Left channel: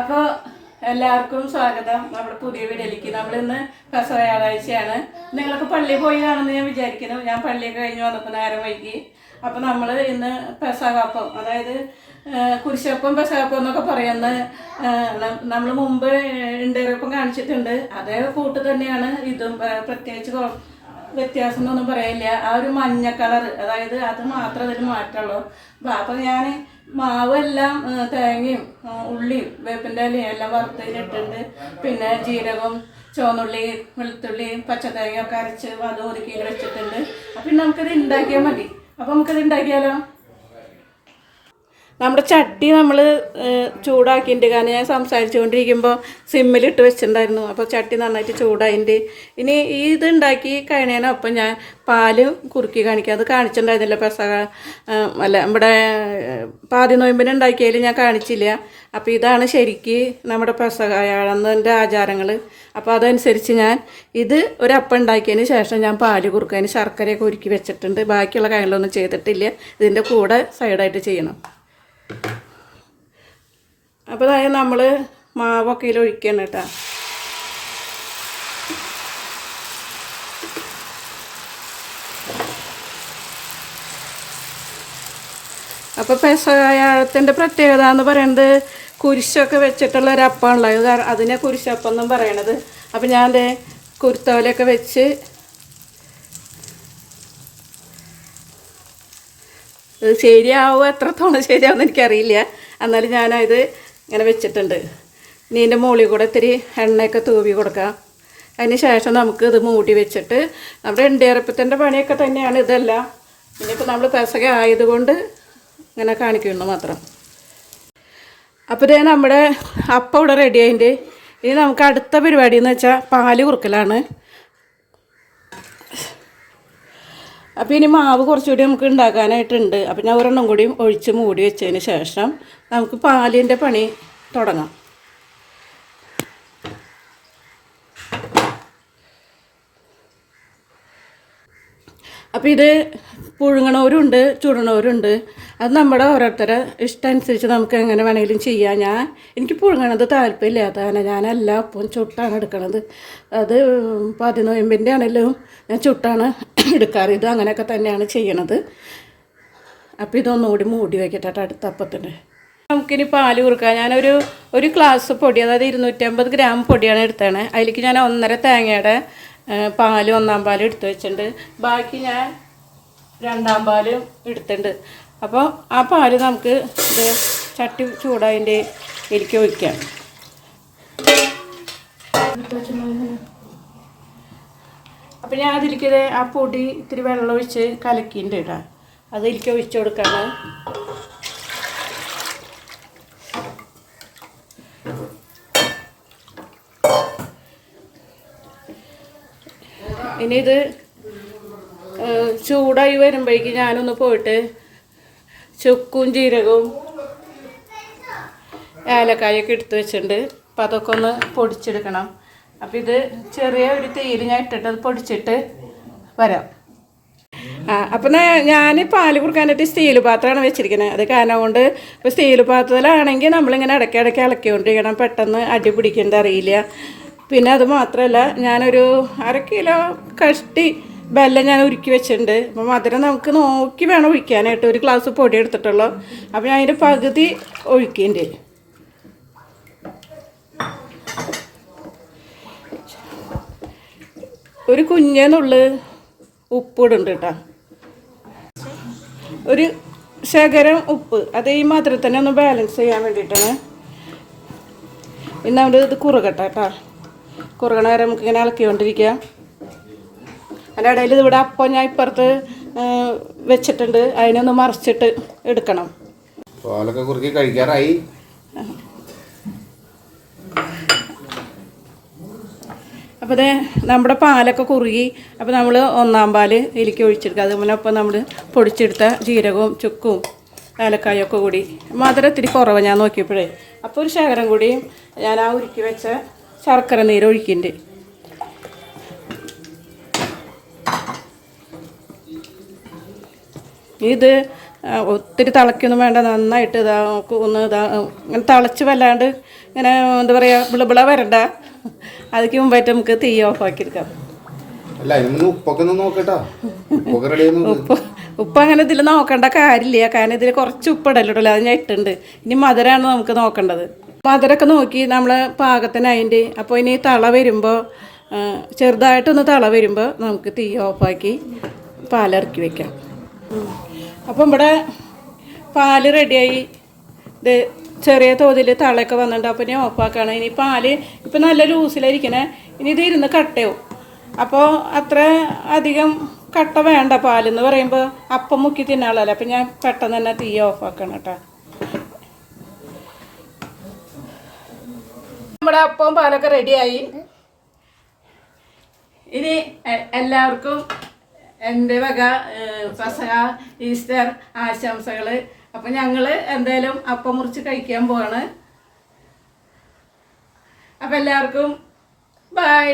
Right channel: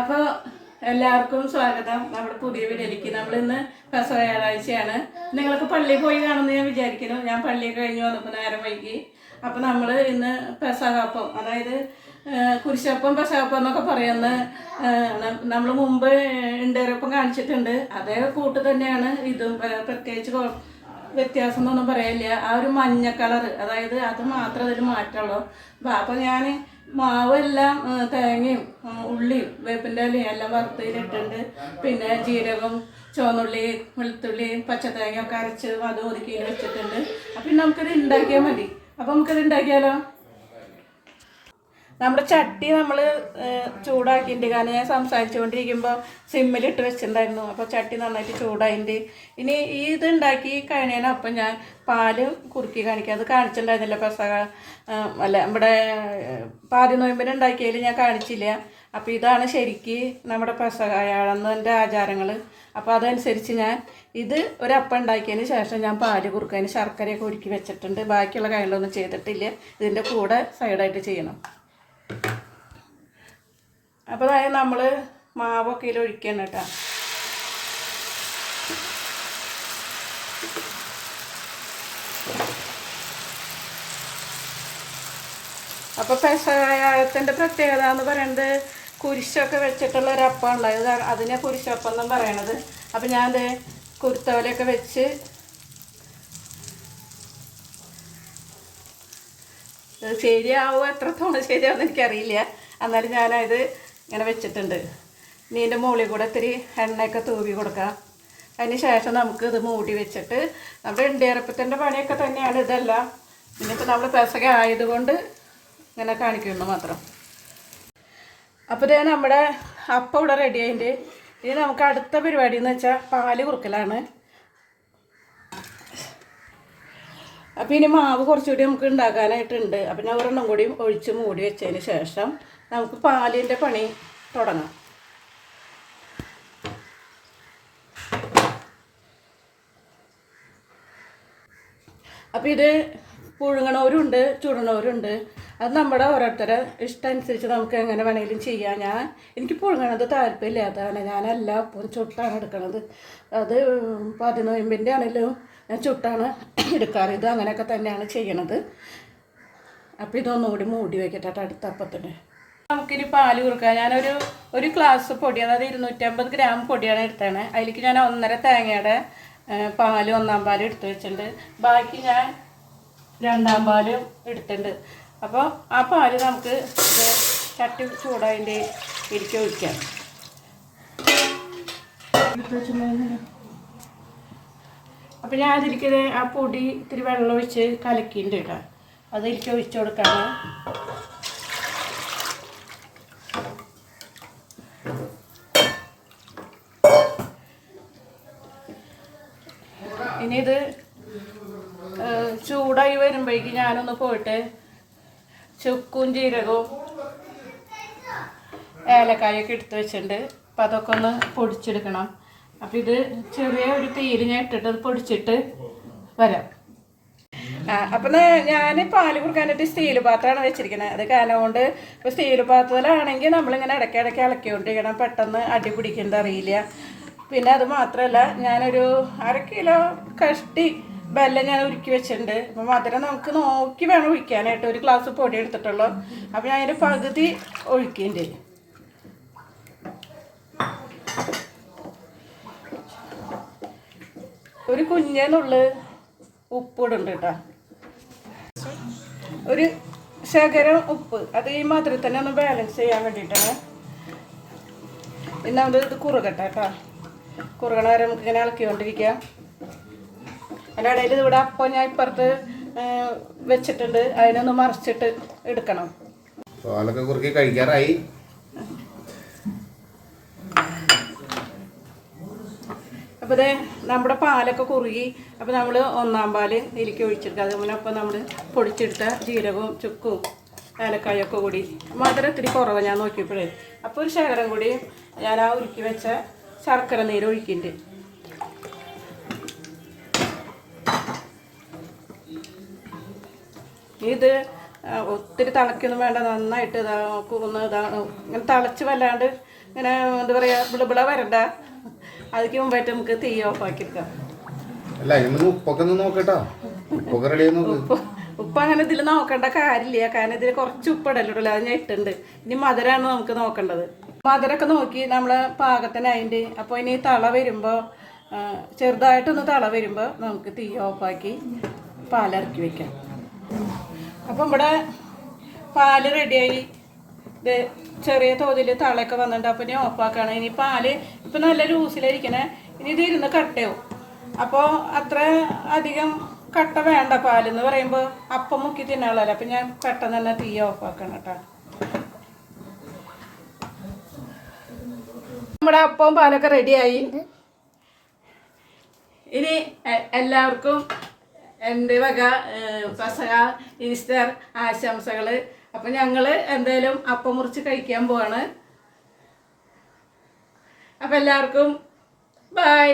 അപ്പോൾ എല്ലാവർക്കും സ്വാഗതം നമ്മുടെ പുതിയ വീഡിയോയിലേക്ക്. നമ്മളിന്ന് പെസഹ വ്യാഴാഴ്ചയാണ്. നിങ്ങളൊക്കെ പള്ളിയിൽ പോയി കാണുമെന്ന് ഞാൻ വിചാരിക്കുന്നു. ഞാൻ പള്ളിയൊക്കെ കഴിഞ്ഞ് വന്നപ്പോൾ നേരം വൈകി. അപ്പോൾ നമ്മൾ ഇന്ന് പെസഹപ്പം, അതായത് കുരിശപ്പം പെസഹപ്പം എന്നൊക്കെ പറയുന്ന നമ്മൾ മുമ്പ് ഇണ്ടേരപ്പം കാണിച്ചിട്ടുണ്ട്. അതേ കൂട്ട് തന്നെയാണ് ഇതും. പ്രത്യേകിച്ച് വ്യത്യാസം എന്നൊന്നും പറയാനില്ല. ആ ഒരു മഞ്ഞ കളർ, അതായത് അത് മാത്രമേ അതിൽ മാറ്റുള്ളൂ. അപ്പോൾ ഞാൻ മാവ് എല്ലാം തേങ്ങയും ഉള്ളിയും വേപ്പിൻ്റെ ഇലയും എല്ലാം വറുത്തതിലിട്ടുണ്ട്. പിന്നെ ജീരകം, ചുവന്നുള്ളി, വെളുത്തുള്ളി, പച്ചത്തേങ്ങ ഒക്കെ അരച്ച് അത് ഒതുക്കിയിൽ വെച്ചിട്ടുണ്ട്. അപ്പം നമുക്കിത് ഉണ്ടാക്കിയാൽ മതി. അപ്പം നമുക്കിത് ഉണ്ടാക്കിയാലോ? നമ്മുടെ ചട്ടി നമ്മൾ ചൂടാക്കിയിട്ടുണ്ട്. കാരണം ഞാൻ സംസാരിച്ചുകൊണ്ടിരിക്കുമ്പോൾ സിമ്മിലിട്ട് വെച്ചിട്ടുണ്ടായിരുന്നു. അപ്പോൾ ചട്ടി നന്നായിട്ട് ചൂടായിട്ടുണ്ട്. ഇനി ഇത് ഉണ്ടാക്കി കഴിഞ്ഞതിനൊപ്പം ഞാൻ പാല് കുറുക്കി കാണിക്കാം. അത് കാണിച്ചിട്ടുണ്ടായിരുന്നില്ല പെസഹ, അല്ല നമ്മുടെ പാതി നോയമ്പിന് ഉണ്ടാക്കിയതിൽ ഞാൻ കാണിച്ചില്ല. അപ്പോൾ ഇതാണ് ശരിക്ക് നമ്മുടെ പെസഹയുടെ ആചാരങ്ങൾ. അപ്പോൾ അതനുസരിച്ച് ഞാൻ ഇത് ഒരപ്പം ഉണ്ടാക്കിയതിന് ശേഷം ഞാൻ പാല് കുറുക്കതിന് ശർക്കരയൊക്കെ ഉരുക്കി വെച്ചിട്ടുണ്ട്. ബാക്കിയുള്ള കാര്യങ്ങളൊന്നും ചെയ്തിട്ടില്ല. ഇതിൻ്റെ കൂടെ സൈഡായിട്ട് ചെയ്യണം. അപ്പോൾ അതായത് നമ്മൾ മാവൊക്കെ ഇതിൽ ഒഴിക്കണം കേട്ടോ. അപ്പോൾ പെസഹത്തിൻ്റെ പ്രത്യേകത എന്ന് പറയുന്നത് കുരിശൊക്കെ വെച്ചിട്ടുള്ള ഒരു അപ്പമാണല്ലോ ഇത്. അതിനെ കുരിശപ്പം എന്നും പറയണത്. അപ്പോൾ ഞാൻ അത് കുരുത്തോലൊക്കെ വെച്ച് ഇത് ശരിയാവും, എത്രത്തോളം ശരിയാവുമെന്ന് എനിക്കറിയില്ല. എന്നാലും ഞാനത് ഇങ്ങനെ വെച്ചിട്ടുണ്ട്. ഇനി ഇതിൻ്റെ മുകളിൽ കൂടെ ഇത്തിരി എണ്ണയൊക്കെ തൂവി കൊടുക്കാം. അതിന് ശേഷം നമുക്ക് ഇത് മൂടി വെച്ചിട്ട് നമ്മുടെ എണ്ടിയറപ്പത്തിൻ്റെ പണിയൊക്കെ തന്നെയാണ് ഇതെല്ലാം. ഇനിയിപ്പോൾ നമ്മൾ പെസഹ ആയതുകൊണ്ട് ഇങ്ങനെ കാണിക്കുന്നു മാത്രം. അപ്പോൾ ഇത് നമ്മുടെ അപ്പം ഇവിടെ റെഡി ആയിട്ടുണ്ട്. ഇനി നമുക്ക് അടുത്ത പരിപാടി എന്ന് വെച്ചാൽ പാല് കുറുക്കലാണ്. അപ്പോൾ ഇനി മാവ് കുറച്ചുകൂടി നമുക്ക് ഉണ്ടാക്കാനായിട്ടുണ്ട്. അപ്പോൾ ഞാൻ ഒരെണ്ണം കൂടി ഒഴിച്ച് മൂടി വെച്ചതിന് ശേഷം നമുക്ക് പാലിൻ്റെ പണി തുടങ്ങാം. അപ്പോൾ ഇത് പുഴുങ്ങണവരുണ്ട്, ചുടണവരുണ്ട്. അത് നമ്മുടെ ഓരോരുത്തരുടെ ഇഷ്ടം അനുസരിച്ച് നമുക്ക് എങ്ങനെ വേണമെങ്കിലും ചെയ്യാം. എനിക്ക് പുഴുങ്ങണത് താല്പര്യമില്ലാത്തതാണ്. ഞാനെല്ലാം ഒപ്പം ചുട്ടാണ് എടുക്കണത്. അത് 10 നോയമ്പിൻ്റെ ആണെങ്കിലും ഞാൻ ചുട്ടാണ് എടുക്കാറ്. ഇത് അങ്ങനെയൊക്കെ തന്നെയാണ് ചെയ്യണത്. അപ്പോൾ ഇതൊന്നുകൂടി മൂടി വയ്ക്കട്ടെ അടുത്ത അപ്പത്തിന്. നമുക്കിനി പാല് കുറുക്കാം. ഒരു ഗ്ലാസ് പൊടി, അതായത് 250 ഗ്രാം പൊടിയാണ് എടുത്തത്. അതിലേക്ക് ഞാൻ 1.5 തേങ്ങയുടെ പാല്, 1-ാം പാല് എടുത്ത് വെച്ചിട്ടുണ്ട്. ബാക്കി ഞാൻ 2-ാം പാല് എടുത്തിട്ടുണ്ട്. അപ്പോൾ ആ പാല് നമുക്ക് ചട്ടി ചൂടായതിൻ്റെ എനിക്ക് ഒഴിക്കാം. അപ്പോൾ ഞാൻ അതിലേക്ക് ആ പൊടി ഇത്തിരി വെള്ളം ഒഴിച്ച് കലക്കിയിട്ട് ഇടാം. അതിലേക്ക് ഒഴിച്ചു കൊടുക്കാണ്. ഇനി ഇത് ചൂടായി വരുമ്പോഴേക്ക് ഞാനൊന്ന് പോയിട്ട് ചുക്കും ജീരകവും ഏലക്കായൊക്കെ എടുത്ത് വെച്ചിട്ടുണ്ട്. അപ്പോൾ അതൊക്കെ ഒന്ന് പൊടിച്ചെടുക്കണം. അപ്പോൾ ഇത് ചെറിയ ഒരു തീയിൽ ഞാൻ ഇട്ടിട്ട് അത് പൊടിച്ചിട്ട് വരാം. അപ്പം ഞാൻ പാല് കുറുക്കാനായിട്ട് സ്റ്റീൽ പാത്രമാണ് വെച്ചിരിക്കുന്നത്. അത് കാരണം കൊണ്ട് ഇപ്പോൾ സ്റ്റീൽ പാത്രത്തിലാണെങ്കിൽ നമ്മളിങ്ങനെ ഇടയ്ക്കിടയ്ക്ക് ഇളക്കിക്കൊണ്ടിരിക്കണം. പെട്ടെന്ന് അടി പിടിക്കേണ്ട അറിയില്ല. പിന്നെ അത് മാത്രമല്ല, ഞാനൊരു 1/2 കിലോ കഷ്ടി വെല്ലം ഞാൻ ഉരുക്കി വെച്ചിട്ടുണ്ട്. അപ്പോൾ മധുരം നമുക്ക് നോക്കി വേണം ഒഴിക്കാനായിട്ട്. 1 ഗ്ലാസ് പൊടി എടുത്തിട്ടുള്ളൂ. അപ്പോൾ ഞാൻ അതിൻ്റെ പകുതി ഒഴിക്കേണ്ടി. ഒരു കുഞ്ഞേന്നുള്ളു ഉപ്പിടുന്നുണ്ട് കേട്ടോ. ഒരു ശകലം ഉപ്പ്, അത് ഈ മധുരത്തിനെ ഒന്ന് ബാലൻസ് ചെയ്യാൻ വേണ്ടിയിട്ടാണ്. ഇന്ന് നമ്മൾ ഇത് കുറുകട്ടെ കേട്ടോ. കുറുകണ വരെ നമുക്കിങ്ങനെ ഇളക്കിക്കൊണ്ടിരിക്കാം. അതിൻ്റെ ഇടയിൽ ഇവിടെ അപ്പം ഞാൻ ഇപ്പുറത്ത് വെച്ചിട്ടുണ്ട്. അതിനൊന്ന് മറിച്ചിട്ട് എടുക്കണം. പാലൊക്കെ കുറുക്കി കഴിക്കാറായി. അപ്പോൾ ഇത് നമ്മുടെ പാലൊക്കെ കുറുകി. അപ്പോൾ നമ്മൾ 1-ാം പാല് ഇതിലേക്ക് ഒഴിച്ചെടുക്കുക. അതുപോലെ ഒപ്പം നമ്മൾ പൊടിച്ചെടുത്ത ജീരകവും ചുക്കും ഏലക്കായൊക്കെ കൂടി. മധുരം ഇത്തിരി കുറവ് ഞാൻ നോക്കിയപ്പോഴേ. അപ്പോൾ ഒരു ശകലം കൂടി ഞാൻ ആ ഉരുക്കി വെച്ച ശർക്കര നീര് ഒഴിക്കുന്നുണ്ട്. ഇത് ഒത്തിരി തിളയ്ക്കൊന്നും വേണ്ട, നന്നായിട്ട് ഇതാ ഒന്ന് ഇങ്ങനെ തിളച്ച് വല്ലാണ്ട് ഇങ്ങനെ എന്താ പറയുക വിളവിള വരണ്ട. അതിക്ക് മുമ്പായിട്ട് നമുക്ക് തീ ഓഫാക്കിയെടുക്കാം. ഉപ്പൊക്കെ ഒന്ന് നോക്കട്ടോ. ഉപ്പ് അങ്ങനെ ഇതിൽ നോക്കേണ്ട കാര്യമില്ല, കാരണം ഇതിൽ കുറച്ച് ഉപ്പിടല്ലോ, അത് ഞാൻ ഇട്ടുണ്ട്. ഇനി മധുരമാണ് നമുക്ക് നോക്കേണ്ടത്. മധുരമൊക്കെ നോക്കി നമ്മൾ പാകത്തിനായിട്ട്. അപ്പോൾ ഇനി തള വരുമ്പോൾ ചെറുതായിട്ടൊന്ന് തള വരുമ്പോൾ നമുക്ക് തീ ഓഫാക്കി പാലിറക്കി വയ്ക്കാം. അപ്പം ഇവിടെ പാല് റെഡിയായി. ഇത് ചെറിയ തോതിൽ തളയൊക്കെ വന്നിട്ടുണ്ട്. അപ്പോൾ ഇനി ഓഫാക്കുകയാണ്. ഇനി പാല് ഇപ്പം നല്ല ലൂസിലായിരിക്കണേ. ഇനി ഇത് ഇരുന്ന് കട്ടയാവും. അപ്പോൾ അത്ര അധികം കട്ട വേണ്ട. പാലെന്ന് പറയുമ്പോൾ അപ്പം മുക്കി തിന്നാളല്ലേ. അപ്പം ഞാൻ പെട്ടെന്ന് തന്നെ തീ ഓഫാക്കണം കേട്ടോ. നമ്മുടെ അപ്പവും പാലൊക്കെ റെഡിയായി. ഇനി എല്ലാവർക്കും എൻ്റെ വക പെസഹ ഈസ്റ്റർ ആശംസകൾ. അപ്പം ഞങ്ങൾ എന്തായാലും അപ്പം മുറിച്ച് കഴിക്കാൻ പോവാണ്. അപ്പം എല്ലാവർക്കും ബൈ.